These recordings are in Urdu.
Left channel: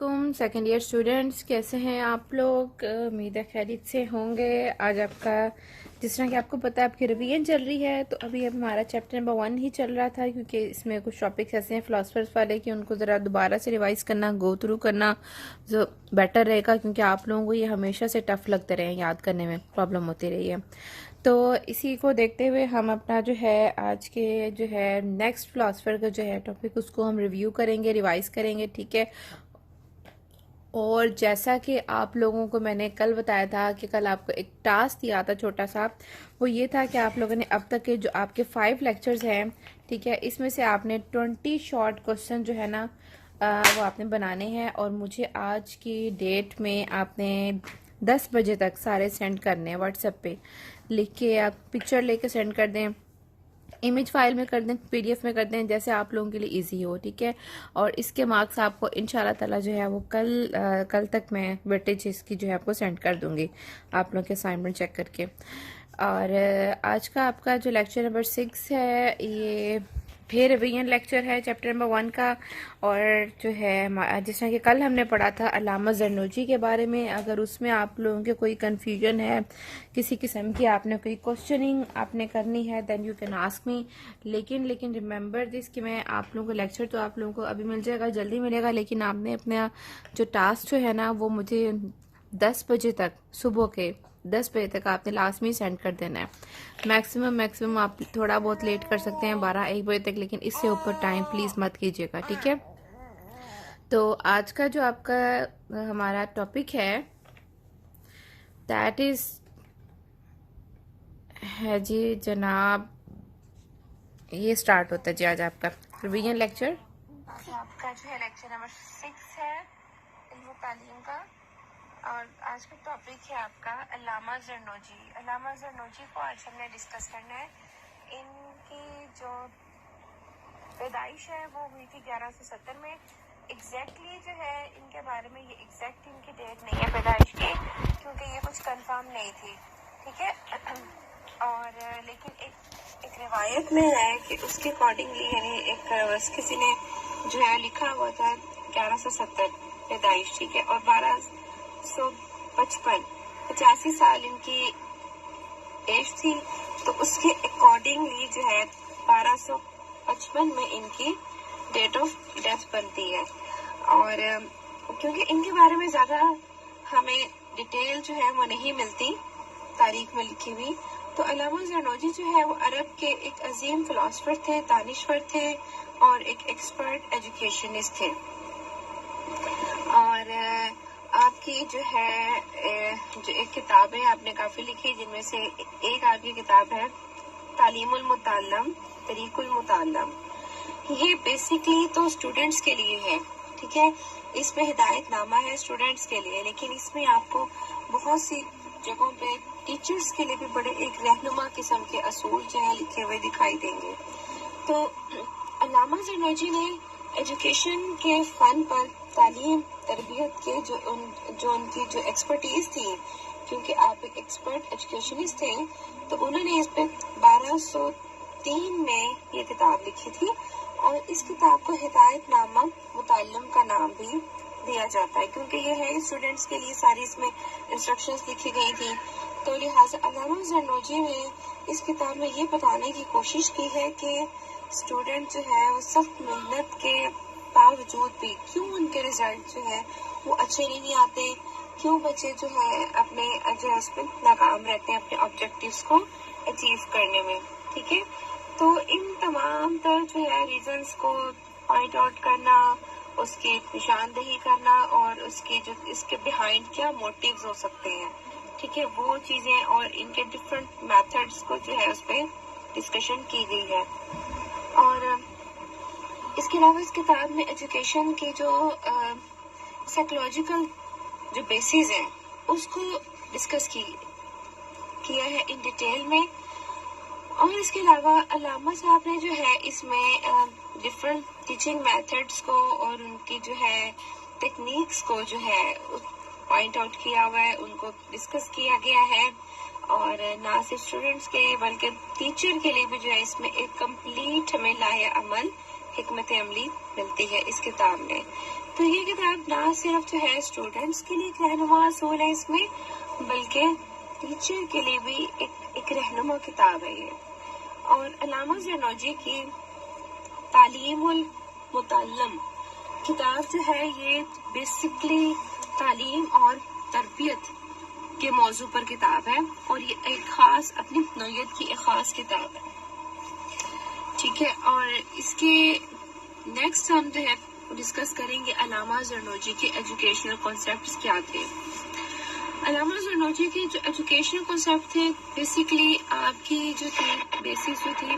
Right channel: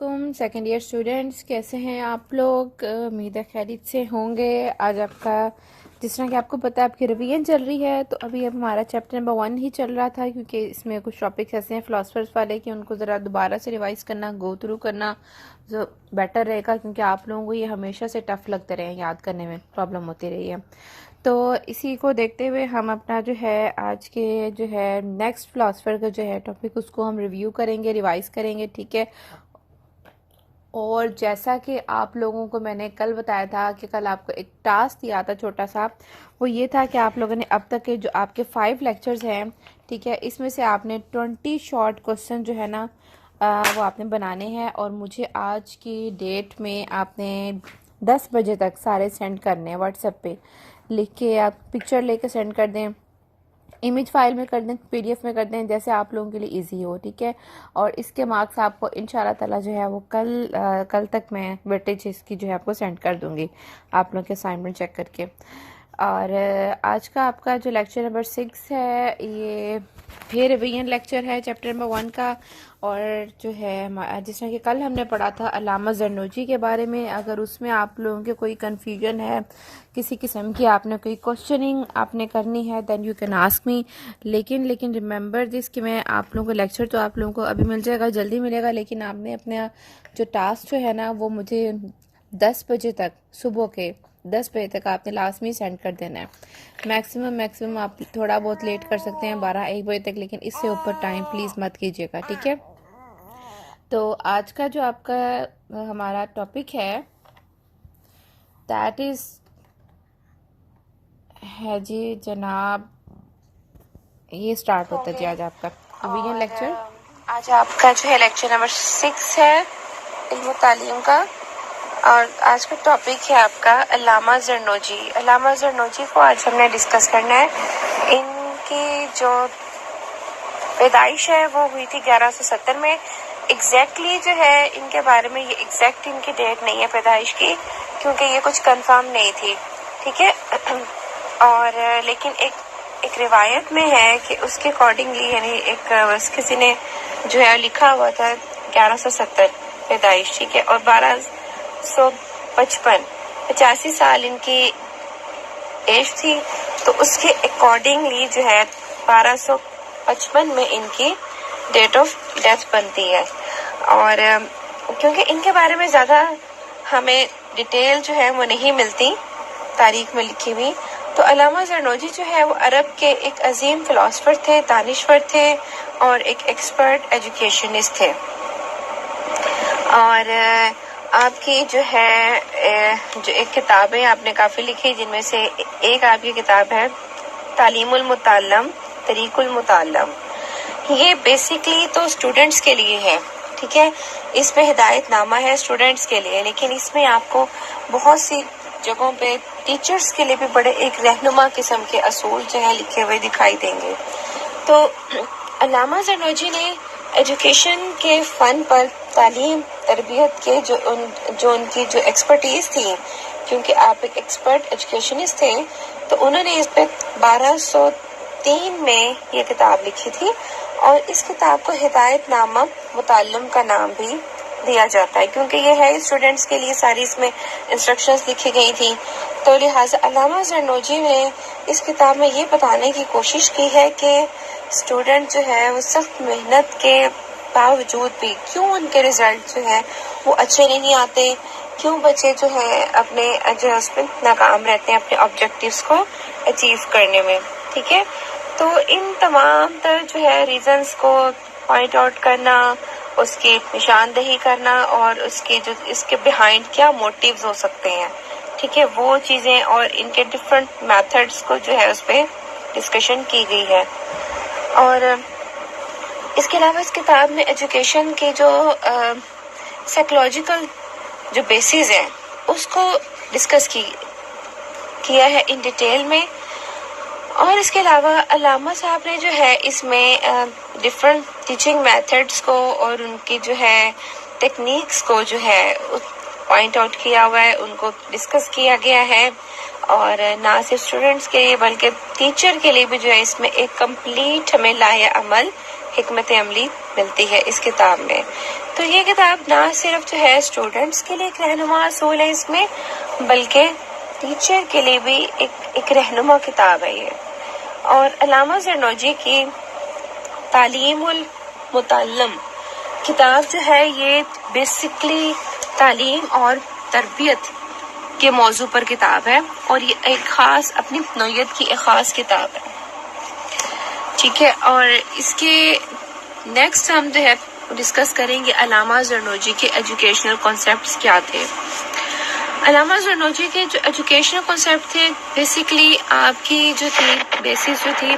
علیکم سیکنڈ ایئر اسٹوڈینٹس، کیسے ہیں آپ لوگ؟ امید ہے خیریت سے ہوں گے۔ آج آپ کا جس طرح کہ آپ کو پتہ ہے آپ کی ریویژن چل رہی ہے، تو ابھی اب ہمارا چیپٹر نمبر 1 ہی چل رہا تھا، کیونکہ اس میں کچھ ٹاپکس ایسے ہیں فلاسفرز والے کہ ان کو ذرا دوبارہ سے ریوائز کرنا، گو تھرو کرنا جو بیٹر رہے گا، کیونکہ آپ لوگوں کو یہ ہمیشہ سے ٹف لگتے رہے ہیں، یاد کرنے میں پرابلم ہوتی رہی ہے۔ تو اسی کو دیکھتے ہوئے ہم اپنا جو ہے آج کے جو ہے نیکسٹ فلاسفر کا جو ہے ٹاپک اس کو ہم ریویو کریں گے، ریوائز کریں گے، ٹھیک ہے۔ اور جیسا کہ آپ لوگوں کو میں نے کل بتایا تھا کہ کل آپ کو ایک ٹاسک دیا تھا چھوٹا سا، وہ یہ تھا کہ آپ لوگوں نے اب تک کے جو آپ کے 5 لیکچرز ہیں، ٹھیک ہے، اس میں سے آپ نے 20 شارٹ کوسچن جو ہے نا وہ آپ نے بنانے ہیں، اور مجھے آج کی ڈیٹ میں آپ نے 10 بجے تک سارے سینڈ کرنے ہیں واٹس ایپ پہ لکھ کے، آپ پکچر لے کے سینڈ کر دیں، امیج فائل میں کر دیں، پی ڈی ایف میں کر دیں، جیسے آپ لوگوں کے لیے ایزی ہو، ٹھیک ہے۔ اور اس کے مارکس آپ کو انشاءاللہ تعالی جو ہے وہ کل تک میں ویٹیج اس کی جو ہے آپ کو سینڈ کر دوں گی، آپ لوگوں کے اسائنمنٹ چیک کر کے۔ اور آج کا آپ کا جو لیکچر نمبر 6 ہے، یہ پھر ریویژن لیکچر ہے چیپٹر نمبر 1 کا، اور جو ہے جس طرح کہ کل ہم نے پڑھا تھا علامہ زرنوجی کے بارے میں۔ اگر اس میں آپ لوگوں کے کوئی کنفیوژن ہے، کسی قسم کی آپ نے کوئی کوشچننگ آپ نے کرنی ہے، then you can ask me, لیکن ریممبر دس کہ میں آپ لوگوں کو لیکچر تو آپ لوگوں کو ابھی مل جائے گا، جلدی ملے گا، لیکن آپ نے اپنا جو ٹاسک جو ہے نا وہ مجھے 10 بجے تک، صبح کے 10 بجے تک آپ نے لازمی سینڈ کر دینا ہے۔ میکسیمم آپ تھوڑا بہت لیٹ کر سکتے ہیں 12-1 بجے تک، لیکن اس سے اوپر ٹائم پلیز مت کیجیے گا، ٹھیک ہے۔ تو آج کا جو آپ کا ہمارا ٹاپک ہے دیٹ از ہے جی جناب، یہ سٹارٹ ہوتا ہے جی آج آپ کا ریویژن لیکچر۔ آج آپ کا جو ہے لیکچر نمبر 6 ہے علم و تعلیم کا، اور آج کا ٹاپک ہے آپ کا علامہ زرنوجی۔ علامہ زرنوجی کو آج ہم نے ڈسکس کرنا ہے۔ ان کی جو پیدائش ہے وہ ہوئی تھی 1170 میں۔ ایگزیکٹلی جو ہے ان کے بارے میں، یہ ایگزیکٹ ان کی ڈیٹ نہیں ہے پیدائش کی، کیونکہ یہ کچھ کنفرم نہیں تھی، ٹھیک ہے۔ اور لیکن ایک روایت میں ہے کہ اس کے اکارڈنگلی، یعنی ایک کسی نے جو ہے لکھا ہوا تھا 1170 پیدائش، ٹھیک ہے، اور 1255 85 سال ان کی ایج تھی، تو اس کے اکارڈنگلی جو ہے 1255 میں ان کی ڈیٹ آف ڈیتھ بنتی ہے۔ اور کیونکہ ان کے بارے میں زیادہ ہمیں ڈیٹیل جو ہے وہ نہیں ملتی تاریخ میں لکھی ہوئی، تو علامہ زرنوجی جو ہے وہ عرب کے ایک عظیم فلاسفر تھے، دانشور تھے، اور ایک ایکسپرٹ ایجوکیشنسٹ تھے۔ اور آپ کی جو ہے جو ایک کتابیں آپ نے کافی لکھی، جن میں سے ایک آپ کی کتاب ہے تعلیم المتعلم، طریق المتعلم۔ یہ بیسیکلی تو اسٹوڈنٹس کے لیے ہے، ٹھیک ہے، اس میں ہدایت نامہ ہے اسٹوڈنٹس کے لیے، لیکن اس میں آپ کو بہت سی جگہوں پہ ٹیچرز کے لیے بھی بڑے ایک رہنما قسم کے اصول جو ہیں لکھے ہوئے دکھائی دیں گے۔ تو علامہ زرنوجی نے ایجوکیشن کے فن پر، تعلیم تربیت کے جو ان کی جو ایکسپرٹیز تھی، کیونکہ آپ ایک ایکسپرٹ ایجوکیشنسٹ تھے، تو انہوں نے اس پہ 1203 میں یہ کتاب لکھی تھی، اور اس کتاب کو ہدایت نامہ متعلم کا نام بھی دیا جاتا ہے، کیونکہ یہ ہے اسٹوڈنٹس کے لیے ساری اس میں انسٹرکشنز لکھی گئی تھی۔ تو لہٰذا علامہ زرنوجی نے اس کتاب میں یہ بتانے کی کوشش کی ہے کہ اسٹوڈنٹ جو ہے وہ سخت محنت کے باوجود بھی کیوں ان کے رزلٹ جو ہے وہ اچھے نہیں آتے، کیوں بچے جو ہے اپنے جو ہے اس میں ناکام رہتے ہیں اپنے آبجیکٹیوز کو اچیو کرنے میں، ٹھیک ہے۔ تو ان تمام تر جو ہے ریزنز کو پوائنٹ آؤٹ کرنا، اس کی نشاندہی کرنا، اور اس کے بیہائنڈ کیا موٹیوز ہو سکتے ہیں، ٹھیک ہے، وہ چیزیں اور ان کے ڈفرینٹ میتھڈز کو جو ہے اس پہ ڈسکشن کی گئی ہے۔ اور اس کے علاوہ اس کتاب میں ایجوکیشن کے جو سائیکولوجیکل جو بیسز ہیں اس کو ڈسکس کیا ہے ان ڈیٹیل میں۔ اور اس کے علاوہ علامہ صاحب نے جو ہے اس میں ڈفرینٹ ٹیچنگ میتھڈس کو اور ان کی جو ہے ٹیکنیکس کو جو ہے پوائنٹ آؤٹ کیا ہوا ہے، ان کو ڈسکس کیا گیا ہے، اور نہ صرف اسٹوڈنٹس کے لیے بلکہ ٹیچر کے لیے بھی جو ہے اس میں ایک کمپلیٹ ہمیں لائحہ عمل، حکمت عملی ملتی ہے اس کتاب میں۔ تو یہ کتاب نہ صرف جو ہے اسٹوڈنٹس کے لیے ایک رہنما اصول ہے اس میں، بلکہ ٹیچر کے لیے بھی ایک رہنما کتاب ہے یہ. اور علامہ زرنوجی کی تعلیم المتعلم کتاب جو ہے یہ بیسکلی تعلیم اور تربیت کے موضوع پر کتاب ہے، اور یہ ایک خاص اپنی نوعیت کی ایک خاص کتاب ہے. ٹھیک ہے، اور اس کے نیکسٹ ہم جو ہے ڈسکس کریں گے علامہ زرنوجی کے ایجوکیشنل کانسیپٹس کیا تھے. علامہ زرنوجی کے جو ایجوکیشنل کانسیپٹ تھے بیسیکلی آپ کی جو تھی بیسس جو تھی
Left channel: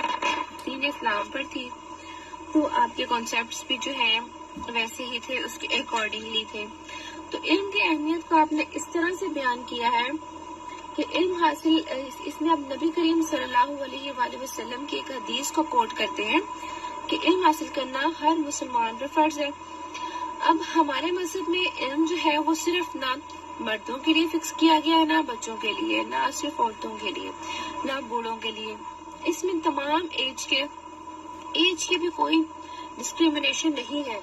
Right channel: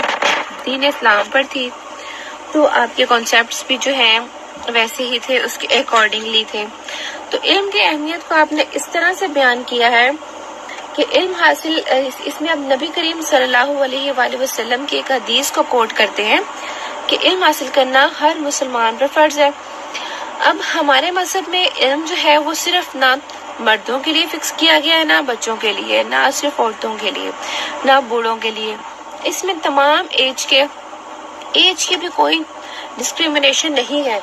دین اسلام پر تھی، تو آپ کے کانسیپٹس بھی جو ہیں ویسے ہی تھے، اس کے اکارڈنگلی تھے. تو علم کی اہمیت کو آپ نے اس طرح سے بیان کیا ہے کہ علم حاصل، اس میں اب نبی کریم صلی اللہ علیہ وآلہ وسلم کی ایک حدیث کو کوٹ کرتے ہیں کہ علم حاصل کرنا ہر مسلمان پر فرض ہے. اب ہمارے مذہب میں علم جو ہے وہ صرف نہ مردوں کے لیے فکس کیا گیا ہے، نہ بچوں کے لیے، نہ صرف عورتوں کے لیے، نہ بوڑھوں کے لیے. اس میں تمام ایج کے بھی کوئی ڈسکریمنیشن نہیں ہے،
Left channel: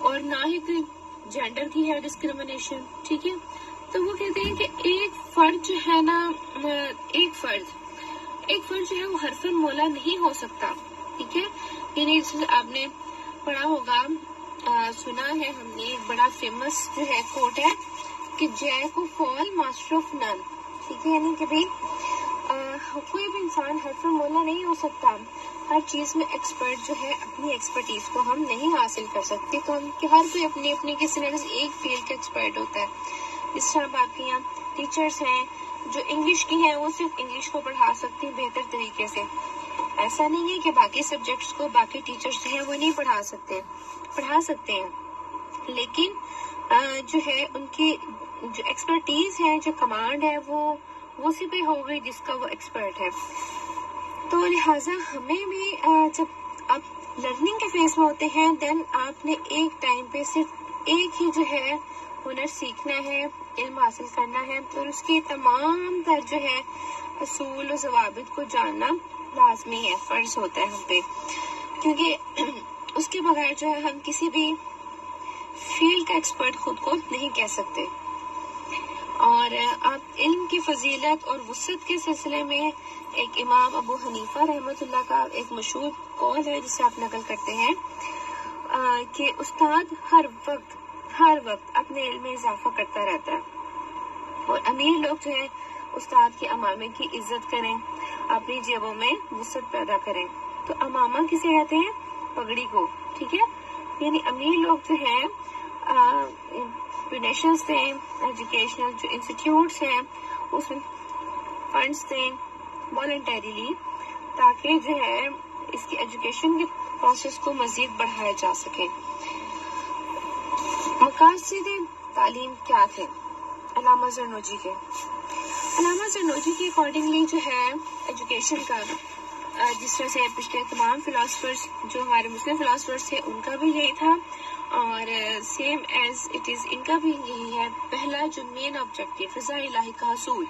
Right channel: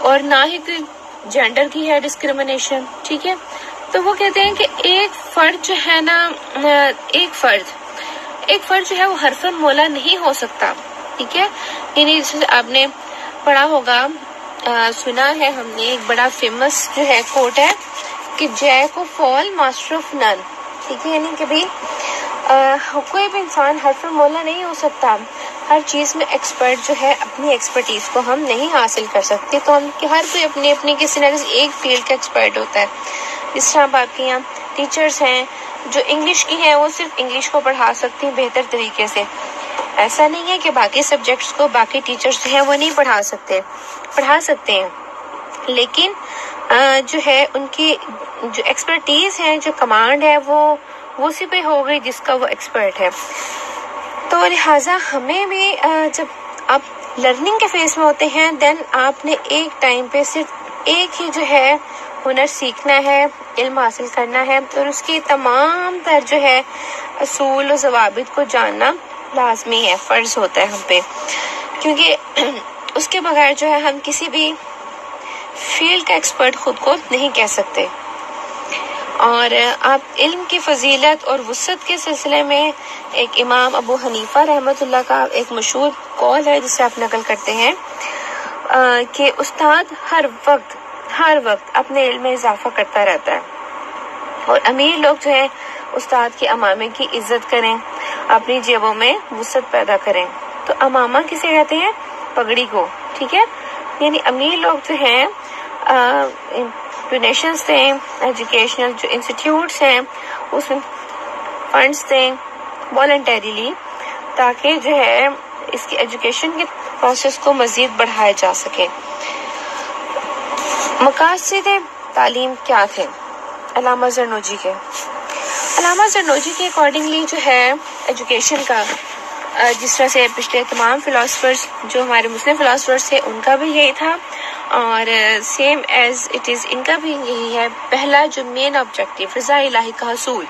اور نہ ہی کوئی جینڈر کی ہے ڈسکریمنیشن. ٹھیک ہے، تو وہ کہتے ہیں کہ ایک فرد جو ہے نا، ایک فرد جو ہے وہ حرف مولا نہیں ہو سکتا. ٹھیک ہے، یعنی آپ نے پڑھا ہوگا، سنا ہے ہم نے، ایک بڑا فیمس جو ہے کوٹ ہے کہ Jack of all master of none. ٹھیک ہے، یعنی کہ بھی کوئی بھی انسان حرف مولا نہیں ہو سکتا. ہر چیز میں ایکسپرٹ جو ہے اپنی ایکسپرٹیز کو ہم نہیں حاصل کر سکتے، تو ہم ہر کوئی اپنی کسی نہ کسی ایک فیلڈ کا ایکسپرٹ ہوتا ہے. جس طرح آپ کے یہاں ٹیچرز ہیں جو انگلش کی ہیں، وہ صرف انگلش کو پڑھا سکتی ہیں بہتر طریقے سے. ایسا نہیں ہے کہ باقی سبجیکٹس کو باقی ٹیچرز جو ہیں وہ نہیں پڑھا سکتے ہیں، لیکن جو ہے ان کی جو ایکسپرٹیز ہے، جو کمانڈ ہے، وہ اسی پہ ہو گئی جس کا وہ ایکسپرٹ ہے. تو لہٰذا ہمیں بھی جب آپ لرننگ کے فیز میں ہوتے ہیں، دین آپ نے ایک ٹائم پہ صرف ایک ہی جو ہے ہنر سیکھنا ہے، علم حاصل کرنا ہے، اور اس کی تمام تر جو ہے اصول و ضوابط کو جاننا لازمی ہے، فرض ہوتا ہے ہم پہ، کیونکہ اس کے بغیر جو ہے ہم کسی بھی فیلڈ کا ایکسپرٹ خود کو نہیں کہہ سکتے. اور آپ علم کی فضیلت اور وسعت کے سلسلے میں ایک امام ابو حنیفہ رحمۃ اللہ کا ایک مشہور قول ہے جسے آپ نقل کرتے ہیں کہ استاد ہر وقت اپنے علم میں اضافہ کرتا رہتا ہے، اور امیر لوگ جو ہے استاد کے امامے کی عزت کریں، اپنی جیبوں میں وسعت پیدا کریں. تو امامہ کسے کہتے ہیں؟ پگڑی کو. ٹھیک ہے، یعنی امیر لوگ جو ہیں ڈونیشنز دیں، ایجوکیشنل جو انسٹیٹیوٹس ہیں اس میں فنڈس دیں والنٹریلی، تاکہ جو ہے اس کی ایجوکیشن کے پروسیس کو مزید بڑھایا جا سکے. مقاصد تعلیم کیا تھے علامہ زرنوجی کے؟ علامہ زرنوجی کے اکارڈنگلی جو ہے ایجوکیشن کا، جس طرح سے پچھلے تمام فلاسفرز جو ہمارے مسلم فلاسفرز تھے ان کا بھی یہی تھا، اور سیم ایز اٹ از ان کا بھی یہی ہے. پہلا جو مین آبجیکٹو رضا الہی کا حصول،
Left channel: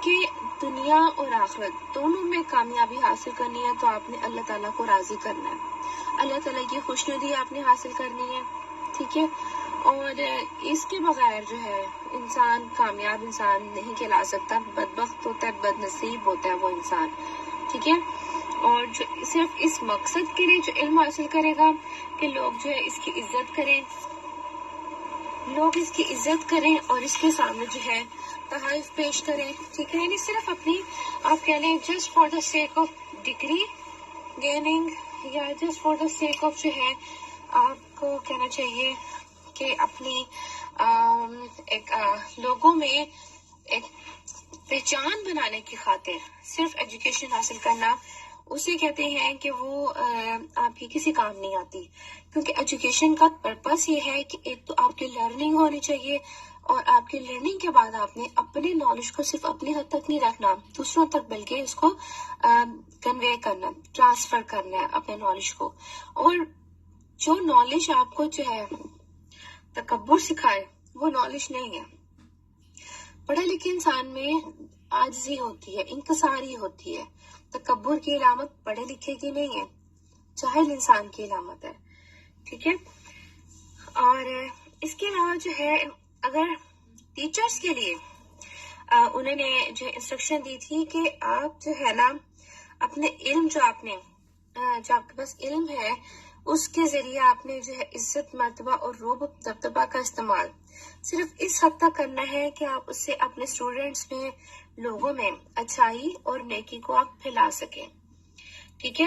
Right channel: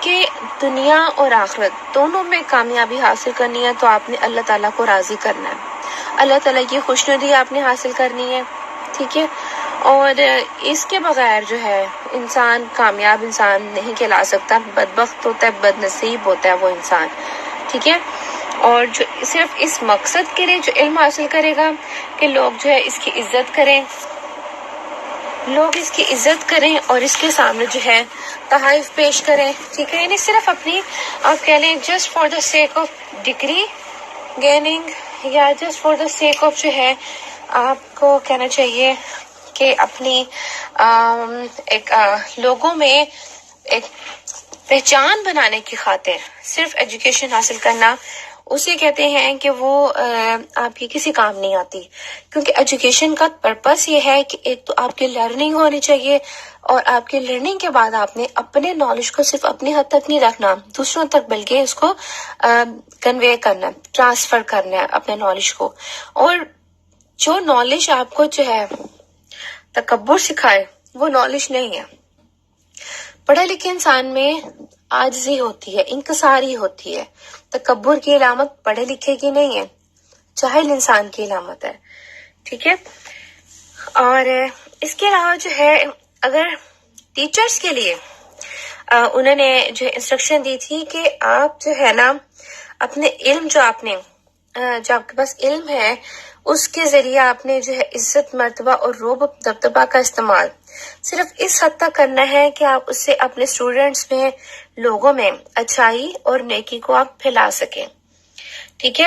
کہ دنیا اور آخرت دونوں میں کامیابی حاصل کرنی ہے تو آپ نے اللہ تعالیٰ کو راضی کرنا ہے، اللہ تعالیٰ کی خوشنودی آپ نے حاصل کرنی ہے. ٹھیک ہے، اور اس کے بغیر جو ہے انسان کامیاب انسان نہیں کہلا سکتا، بدبخت ہوتا ہے، بد نصیب ہوتا ہے وہ انسان. ٹھیک ہے، اور جو صرف اس مقصد کے لیے جو علم حاصل کرے گا کہ لوگ جو ہے اس کی عزت کریں اور اس کے سامنے جو ہے تحائف پیش کریں. ٹھیک ہے، یعنی صرف اپنی آپ کہہ لیں just for the sake of degree gaining, یا just for the sake of جو ہے آپ کو کہنا چاہیے کہ اپنی ایک لوگوں میں ایک پہچان بنانے کی خاطر صرف ایجوکیشن حاصل کرنا، اسے کہتے ہیں کہ وہ آپ کی کسی کام نہیں آتی. کیونکہ ایجوکیشن کا پرپس یہ ہے کہ ایک تو آپ کی لرننگ ہونی چاہیے، اور آپ کی لرننگ کے بعد آپ نے اپنے نالج کو صرف اپنے حد تک نہیں رکھنا، دوسروں تک بلکہ اس کو کنوے کرنا، ٹرانسفر کرنا ہے اپنے نالج کو. اور جو نالج آپ کو جو ہے تکبر سکھائے وہ نالج نہیں ہے. پڑھے لکھے انسان میں عاجزی ہوتی ہے، انکساری ہوتی ہے. تکبر کی علامت پڑھے لکھے کی نہیں ہے، جاہل انسان کی علامت ہے. ٹھیک ہے، اور اس کے علاوہ جو ہے اگر ٹیچرز کے لیے انہوں نے جو انسٹرکشن دی تھی کہ آپ جو ہے نا اپنے علم جو آپ کے پاس علم ہے اس کے ذریعے آپ نے جو ہے عزت مرتبہ اور روب دبدبہ کا استعمال صرف اس حد تک کرنا ہے کہ آپ اس سے اپنے اسٹوڈینٹس میں لوگوں میں اچھائی اور نیکی کو آپ پھیلا سکیں. ٹھیک ہے،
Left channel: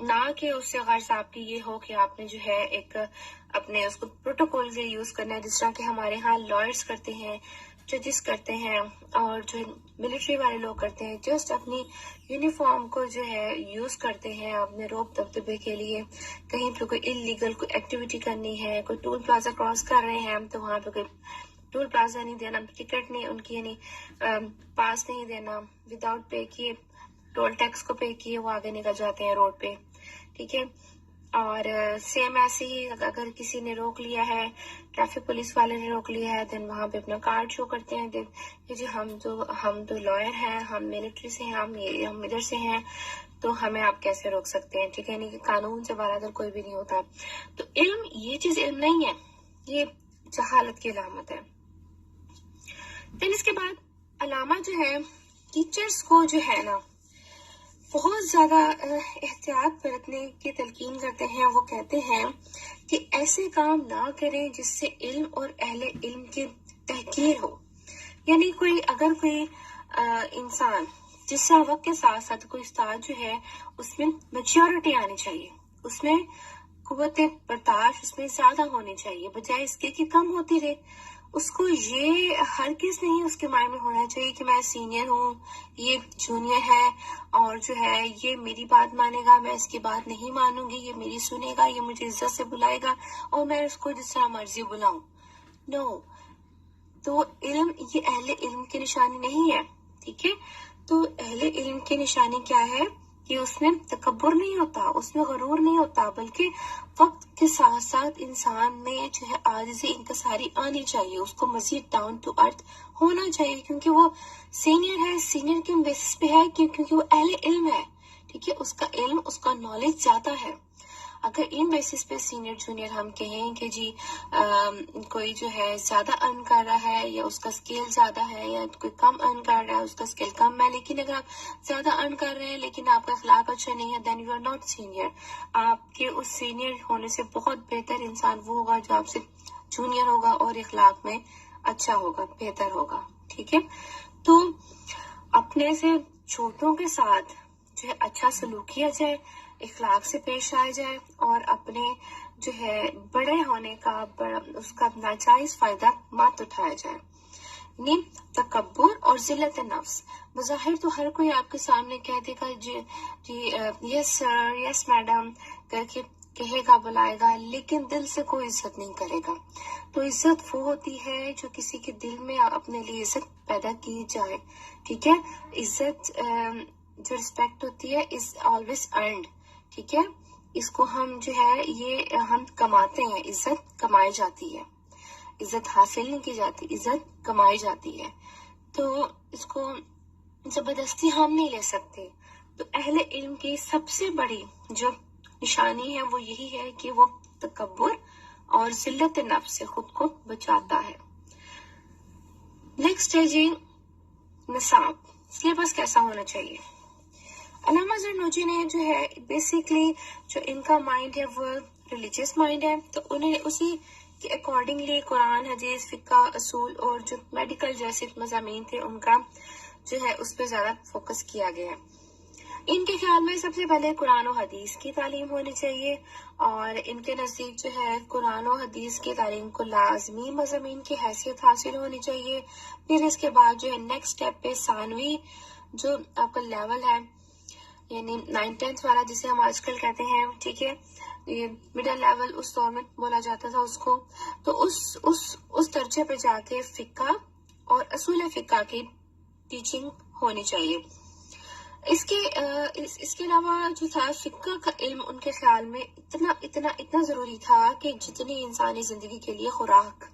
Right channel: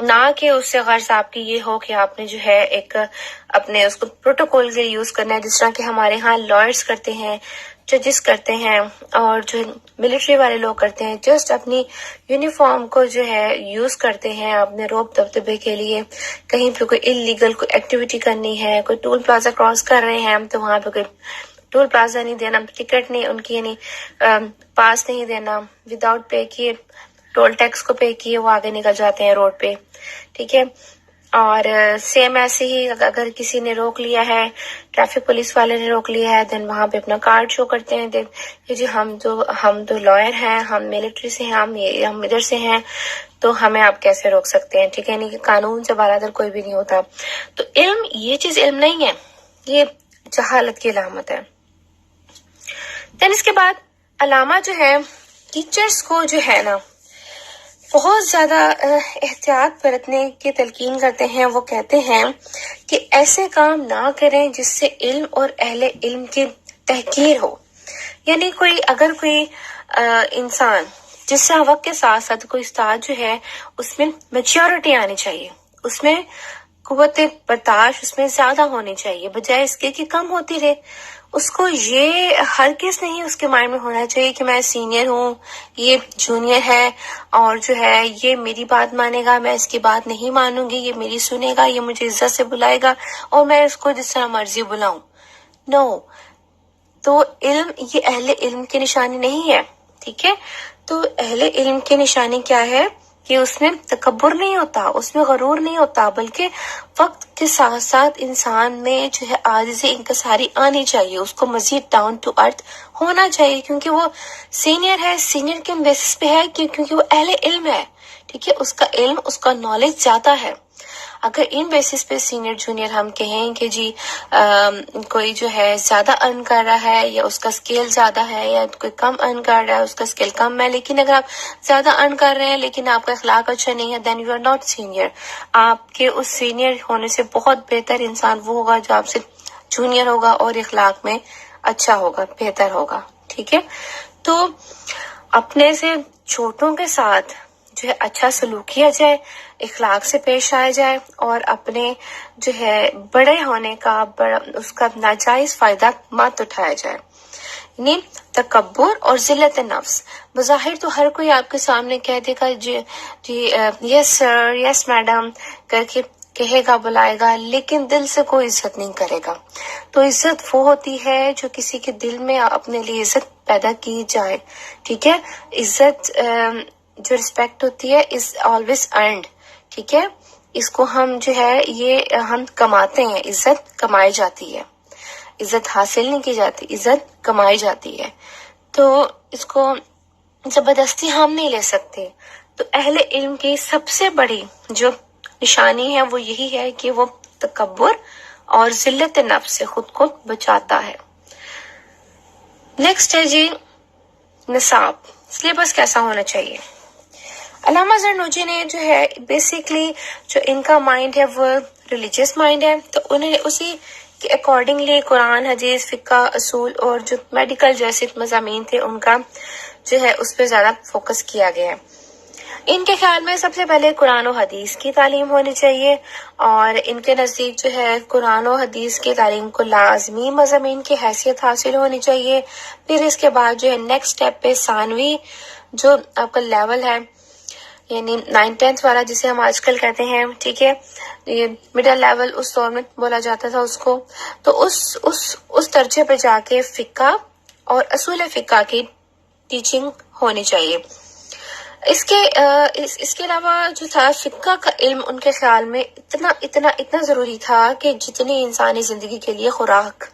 نہ کہ اس سے غرض آپ کی یہ ہو کہ آپ نے جو ہے ایک اپنے اس کو پروٹوکول کے لیے یوز کرنا ہے، جس طرح کہ ہمارے ہاں لائرز کرتے ہیں، ججز کرتے ہیں، اور جو ملٹری والے لوگ کرتے ہیں. جسٹ اپنی یونیفارم کو جو ہے یوز کرتے ہیں اپنے روب دبدبے کے لیے. کہیں پہ کوئی انلیگل کوئی ایکٹیویٹی کرنی ہے، کوئی ٹول پلازا کراس کر رہے ہیں تو وہاں پہ کوئی ٹول پلازا نہیں دینا، ٹکٹ نہیں ان کی یعنی پاس نہیں دینا، وداؤٹ پے کیے ٹول ٹیکس کو پے کیے وہ آگے نکل جاتے ہیں روڈ پہ. ٹھیک ہے، اور سیم ایسے ہی اگر کسی نے روک لیا ہے، ٹریفک پولیس والے نے روک لیا ہے، دین وہاں پہ اپنا کارڈ شو کرتے ہیں کہ جی ہم تو لائر ہیں، ہم ملٹری سے ہیں، ہم ادھر سے ہیں، تو ہمیں آپ کیسے روک سکتے ہیں. ٹھیک ہے، یعنی کہ قانون سے بالادر کوئی بھی نہیں ہوتا. تو علم یہ چیز علم نہیں ہے، یہ جہالت کی علامت ہے. دین اس کے بعد علامہ جو ہے ٹیچرز کو جو ہے نا بہت زیادہ احتیاط برتنے کی تلقین کرتے ہیں. وہ کہتے ہیں کہ ایسے کام نہ کریں جس سے علم اور اہل علم کی تحقیر ہو. یعنی اگر کوئی انسان جس سے وقت کے ساتھ ساتھ کوئی استاد جو ہے اس میں میچیورٹی آنی چاہیے، اس میں قوت برداشت اس میں زیادہ ہونی چاہیے، بجائے اس کے کہ کم ہوتی رہے. اس کو یہ ہرگز نہیں اس کے مائنڈ میں ہونا چاہیے کہ میں سینئر ہوں، یہ جونیئر ہے، اور جو ہے یہ میری بات مانے گا، میں اس کی بات نہیں مانوں گی، یہ میری سنے گا، یہ مجھے عزت سے بلائے گا اور میں اس کو جس طرح مرضی بلاؤں. نو، تو علم یہ اہل علم کی نشانی نہیں ہے. ٹھیک ہے، تو اہل علم کی نشانی کیا ہے کہ اس میں تکبر نہیں ہوتا، اس میں غرور نہیں ہوتا، بلکہ وقت کے ساتھ ساتھ انسان میں جو ہے عاجزی انکساری آنی چاہیے، اس کو مزید ڈاؤن ٹو ارتھ ہونا چاہیے، کیونکہ وہ سینئر ہے. سینئر کے بیسس پہ ہے کیونکہ وہ اہل علم ہے. ٹھیک ہے، اس کا علم اس کا نالج زیادہ ہے. اگر ان بیسس پہ سینئر جونیئر ہم کہیں کہ جی کوئی جو ہے زیادہ ارن کر رہا ہے یا اس کا اسکیل زیادہ ہے، یا کوئی کم ارن کر رہا ہے اس کا اسکیل کم ہے، لیکن اگر آپ زیادہ ارن کر رہے ہیں لیکن آپ کا اخلاق اچھا نہیں ہے، then you are not senior. آپ کے اس سینئر ہونے سے بہت بہتر انسان وہ ہوگا جو آپ سے جونیئر ہوگا اور اخلاق میں اچھا ہوگا، بہتر ہوگا. ٹھیک ہے، تو اپنے سے چھوٹوں کے ساتھ جو ہے اچھا سلوک کیا جائے، اخلاق سے پیش آیا جائے، اور اپنے جو ہے بڑے ہونے کا اس کا ناجائز فائدہ مت اٹھایا جائے. یعنی تکبر اور ذلت نفس. بظاہر تو ہر کوئی آپ کے سامنے کہہ دے گا جی یس سر، یس میڈم کر کے کہے گا، بلائے گا، لیکن دل سے کوئی عزت نہیں کرے گا. تو عزت وہ ہوتی ہے جو کسی کے دل میں اپنے لیے عزت پیدا کی جائے. ٹھیک ہے، عزت جو ریسپیکٹ ہوتی ہے از آلویز ارنڈ. ٹھیک ہے، اس کو ہم جو ہے یہ ہم کماتے ہیں، عزت کمائی جاتی ہے، عزت حاصل نہیں کی جاتی، عزت کمائی جاتی ہے. تو اس کو زبردستی ہم نہیں لے سکتے. تو اہل علم کی سب سے بڑی جو نشانی ہے وہ یہی ہے کہ وہ تکبر اور ذلت نفس سے خود کو بچاتا ہے. نیکسٹ ہے جی نصاب، سلیبس کیسا ہونا چاہیے. علامہ زرنوجی نے جو ہے بیسیکلی جو ان کا مائنڈ ہے وہ ریلیجیس مائنڈ ہے، تو انہیں اسی کے اکارڈنگلی قرآن، حدیث، فقہ، اصول اور جو میڈیکل جیسے مضامین تھے ان کا جو ہے اس پہ زیادہ فوکس کیا گیا ہے. ان کے خیال میں سب سے پہلے قرآن و حدیث کی تعلیم ہونی چاہیے، اور ان کے نزدیک جو ہے قرآن و حدیث کی تعلیم کو لازمی مضامین کی حیثیت حاصل ہونی چاہیے. پھر اس کے بعد جو ہے نیکسٹ اسٹیپ پہ ثانوی جو آپ کا لیول ہے، یعنی 9th والا جسے ہم آج کل کہتے ہیں، ٹھیک ہے، یہ مڈل لیول اس دور میں بولا جاتا تھا اس کو. تو اس درجے پہ جا کے فقہ اور اصول فقہ کی ٹیچنگ ہونی چاہیے. اس کے علاوہ جو تھا فقہ کا علم ان کے خیال میں اتنا ضروری تھا کہ جتنی انسانی زندگی کے لیے خوراک.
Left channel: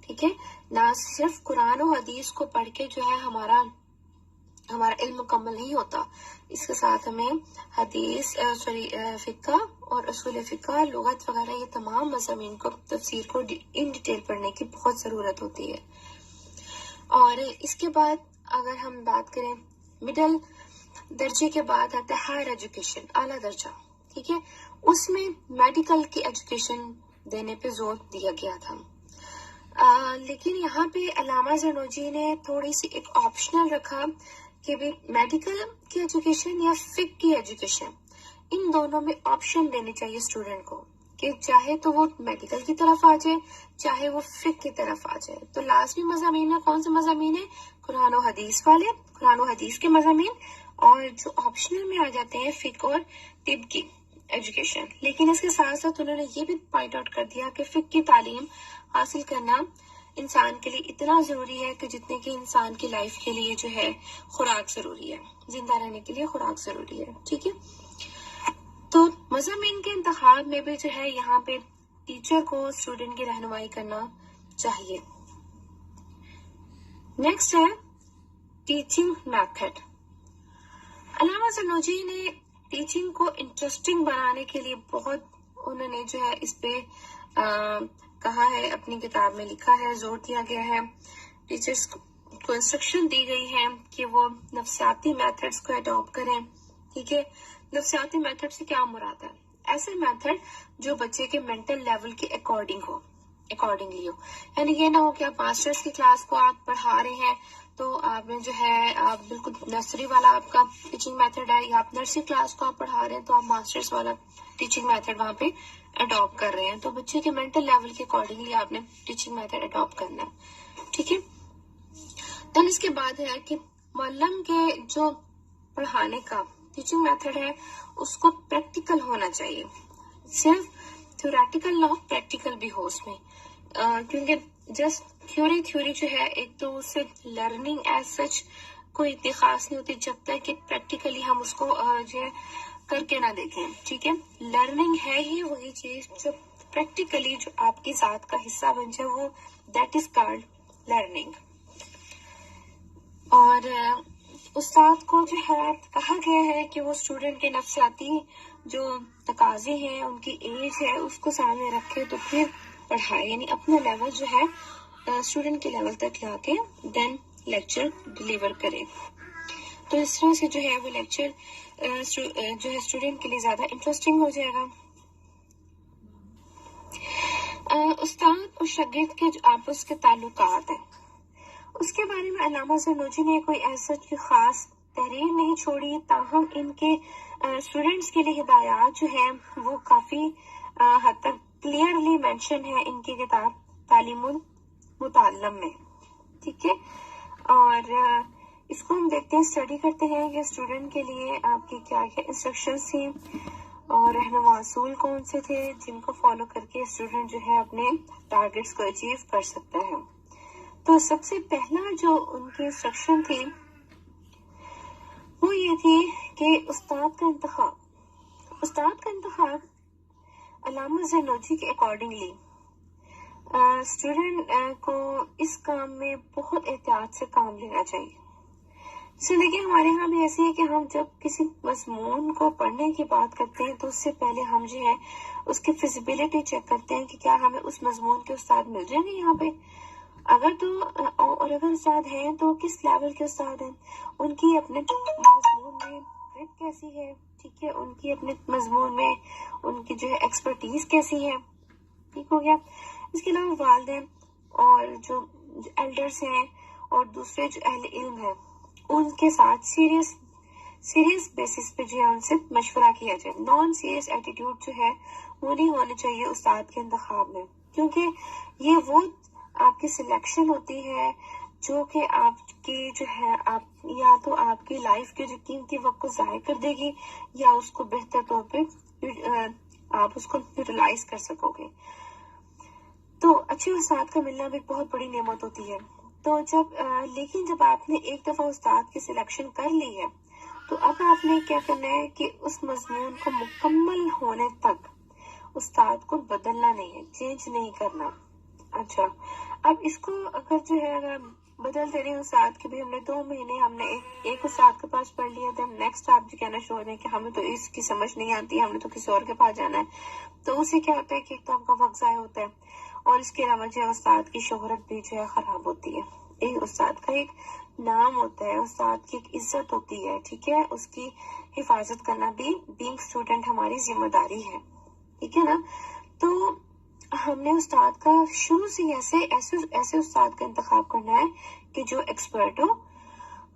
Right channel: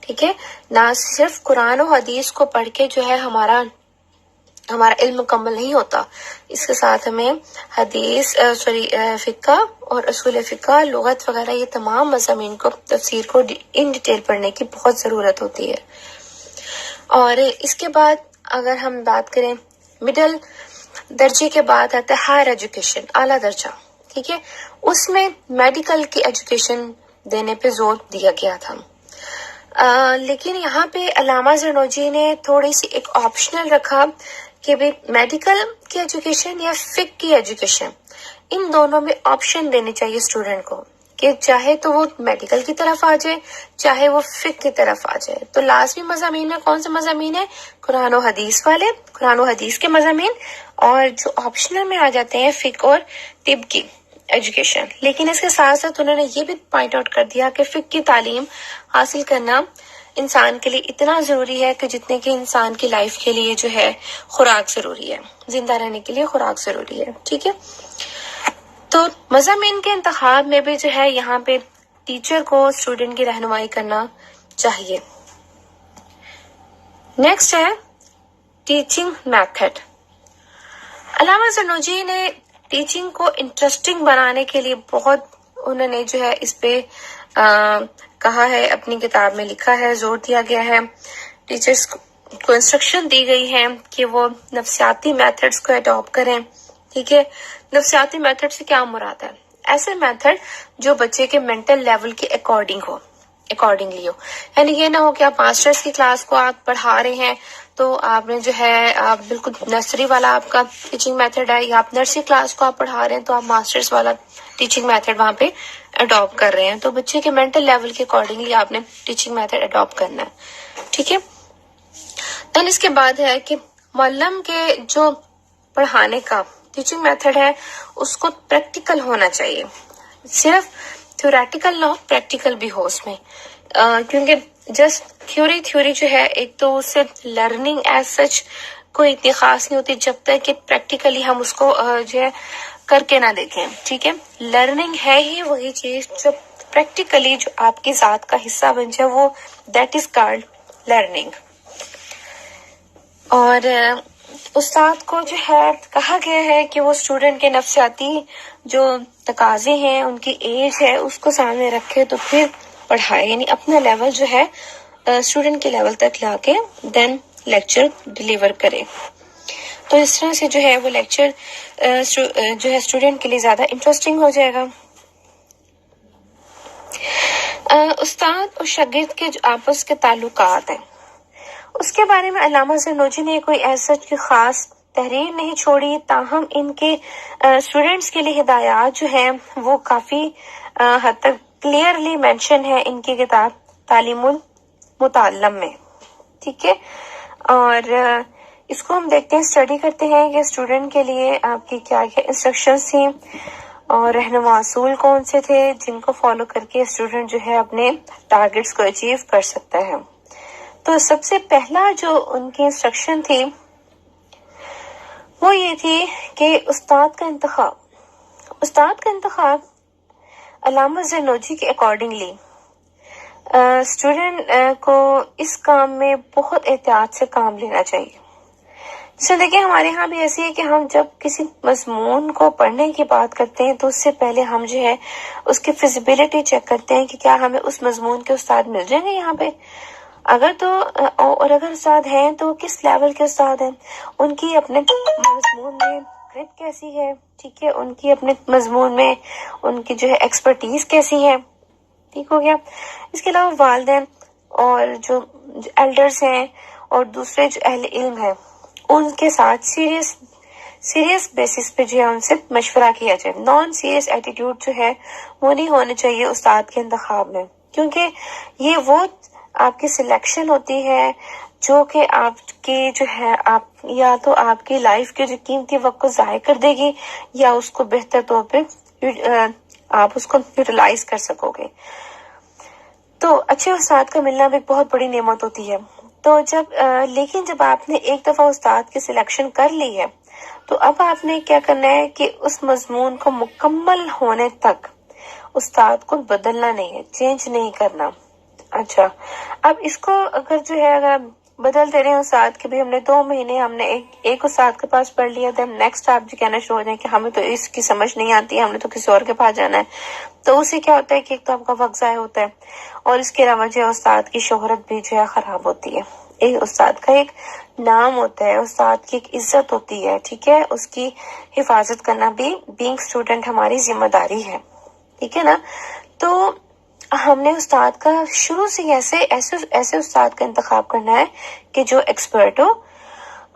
ٹھیک ہے، نہ صرف قرآن و حدیث کو پڑھ کے جو ہے ہمارا ہمارا علم مکمل نہیں ہوتا. اس کے ساتھ ہمیں حدیث فقہ اور اصول فقہ، لغت وغیرہ یہ تمام مضامین کو، تفسیر کو ان ڈیٹیل پڑھنے کی بہت ضرورت ہوتی ہے. اور اس کے بعد اگر ہم بات کریں مڈل درجے کے بعد آتا ہے ہائر ایجوکیشن، اعلیٰ درجہ. ٹھیک ہے، اس میں میڈیکل کی ایجوکیشن دینے پہ زور دیا گیا تھا. لیکن یہاں پہ علامہ زرنوجی نے تھوڑی سی ایک آپشنل رکھا کہ بھی میڈیکل کی ایجوکیشن یا فقہ کی ایجوکیشن، ان دونوں میں آپشن دینی چاہیے اسٹوڈنٹ کو کہ چاہے تو وہ میڈیکل کی طرف آ جائے، چاہے وہ فقہ کی طرف آ جائے. تو لازمی مضامین میں کون سے مضامین ہیں؟ قرآن و حدیث والے، قرآن و حدیث کے مضامین، اور جو آپشنل میں آ جاتے ہیں فقہ اور طب کی ایجوکیشن. لیکن اس کے ساتھ ساتھ انہوں نے یہ بھی پوائنٹ آؤٹ کر دیا کہ فقہ کی تعلیم حاصل کرنا انسان کے لیے اتنا ضروری ہے کہ جتنے کہ انسان کی لائف کے لیے جو ہے خوراک ضروری ہے، زندہ رہنے کے لیے خوراک ضروری ہے. ٹھیک ہے، تو مضامین کے انتخاب میں بھی جو ہے یہاں پہ ٹیچر کو اسٹوڈنٹ کی رہنمائی کرنا چاہیے. نیکسٹ ہے ٹیچنگ میتھڈ. علامہ زرنوجی نے ٹیچنگ کو انٹرسٹنگ بنانے کے لیے بہت انہوں نے جو ہے اس پہ کہا ہے، اپنی کتاب میں لکھا ہے، زور دیا گیا ہے. ٹیچرز کو انسٹرکشن دی گئی ہے کہ وہ نفسیاتی میتھڈز کو اڈاپٹ کریں. ٹھیک ہے، نفسیاتی میتھڈ سے کیا مراد ہے؟ ایسے میتھڈ جو بچے کے مینٹل لیول کے اکارڈنگلی ہو. یعنی یہ نہ ہو کہ آپ ماسٹرز کی کلاس کو آپ پڑھا رہے ہیں تو آپ نے جو ہے آپ بالکل نرسری والا آپ کا ٹیچنگ میتھڈ ہے، یا آپ نرسری کلاس کو آپ پڑھا رہے ہیں تو آپ ماسٹرز والا ٹیچنگ میتھڈ وہاں پہ اڈاپٹ کر رہے ہیں. تو بچے کے مینٹل لیول کے اکارڈنگلی آپ نے ٹیچنگ میتھڈ اڈاپٹ کرنا ہے. ٹھیک ہے، دین اس کے بعد ہے کہ معلم کے جو پڑھانے کا ٹیچنگ میتھڈ ہے اس کو پریکٹیکل ہونا چاہیے. صرف تھیوریٹیکل نہ ہو، پریکٹیکل بھی ہو اس میں. کیونکہ جسٹ تھیوری جو ہے، ایک تو اس سے لرننگ ایز سچ کوئی اتنی خاص نہیں ہوتی جب تک کہ پریکٹیکلی ہم اس کو جو ہے کر کے نہ دیکھیں. ٹھیک ہے، لرننگ ہے ہی وہی چیز جو پریکٹیکلی جو آپ کی ذات کا حصہ بن جائے، وہ دیٹ از کالڈ لرننگ. اور استاد کو جو ہے کہا گیا ہے کہ وہ اسٹوڈنٹ کے نفسیاتی جو تقاضے ہیں، ان کی ایج ہے، اس کو سامنے رکھے تو پھر پڑھائے. یعنی اپنا لیول جو ہے اسٹوڈنٹ کے لیول تک لا کے دین لیکچر ڈلیور کرے. تو اس طرح سے جو ہے وہ لیکچر جو ہے اسٹوڈنٹ کے لیے زیادہ انٹرسٹنگ ہو جائے گا. استاد اور شاگرد کے جو آپس کے تعلقات ہیں، اس کے بارے میں علامہ زرنوجی نے کوئی ایسا خاص تحریر نہیں چھوڑی، تاہم ان کے اسٹوڈنٹس کے لیے ہدایات جو ہیں وہ کافی حد تک کلیئرلی مینشن ہے ان کی کتاب تعلیم المتعلم میں. ٹھیک ہے، اور اس کو ہم دیکھتے ہیں، اسٹڈی کرتے ہیں کہ اسٹوڈنٹ کے لیے آپ کی کیا کیا انسٹرکشنز تھیں اور رہنما اصول کون سے تھے جن کو فالو کر کے اسٹوڈنٹ جو ہے اپنے ٹارگیٹس کو اچیو کر سکتا ہے. تو سب سے پہلا جو ان کی انسٹرکشن تھی وہ یہ تھی کہ استاد کا انتخاب علامہ زرنوجی کے اکارڈنگلی اسٹوڈنٹ کو اس کام میں بہت احتیاط سے کام لینا چاہیے. جیسے دیکھیں ہمارے یہاں بھی ایسی ہے کہ ہم جب کسی مضمون کو پڑھنے کی بات کرتے ہیں تو اس سے پہلے ہم جو ہے اس کی فیزیبلٹی چیک کرتے ہیں کہ کیا ہمیں اس مضمون کے استاد مل جائیں گے یہاں پہ. اگر استاد ہیں تو کس لیول کے استاد ہیں، ان کی اپنے مضمون میں گرپ کیسی ہے. ٹھیک ہے، ان کی اپنے مضمون میں ان کی جو ہے ایکسپرٹیز کیسی ہے. ٹھیک ہو گیا. اس کے علاوہ والدین اور جو ایلڈرز ہیں اور دوسرے جو اہل علم ہیں ان کے ساتھ سیریس بیسس پہ جو ہے ان سے مشورہ کیا جائے. نان سیریس ایٹیٹیوڈ جو ہے وہ نہیں ہونے چاہیے استاد کے انتخاب میں، کیونکہ یہ وہ آپ کی سلیکشن ہوتی ہے جو کہ آپ کی جو ہے آپ یا تو آپ کی لائف کے جو قیمتی وقت کو ضائع کر دے گی یا اس کو بہتر طور پہ آپ اس کو یوٹیلائز کر سکو گے. تو اچھے استاد کا ملنا بھی ایک بہت بڑی نعمت ہوتی ہے. تو لیکن جب آپ نے ایک دفعہ استاد کی سلیکشن کر لی ہے تو اب آپ نے کیا کرنا ہے کہ اس مضمون کو مکمل ہونے تک استاد کو بدلنا نہیں ہے، چینج نہیں کرنا. اچھا، اب اس کو اگر جو ہے اگر بدلتے رہے استاد کہ بھی ہم نے 2 مہینے ہم نے ایک استاد کے پاس پڑھ لیا، دین نیکسٹ آپ جو کہنا شروع ہو جائیں کہ ہمیں تو اس کی سمجھ نہیں آتی، ہم نے تو کسی اور کے پاس جانا ہے. تو اسے کیا ہوتا ہے کہ ایک تو آپ کا وقت ضائع ہوتا ہے، اور اس کے علاوہ جو ہے استاد کی شہرت بھی جو ہے خراب ہوتی ہے. ایک استاد کا ایک نام ہوتا ہے، استاد کی ایک عزت ہوتی ہے، ٹھیک ہے، اس کی حفاظت کرنا بھی بینگ اسٹوڈنٹ ہماری ذمہ داری ہے، ٹھیک ہے نا. تو ہم نے استاد کا شروع سے ایسے استاد کا انتخاب کرنا ہے کہ جو ایکسپرٹ ہو،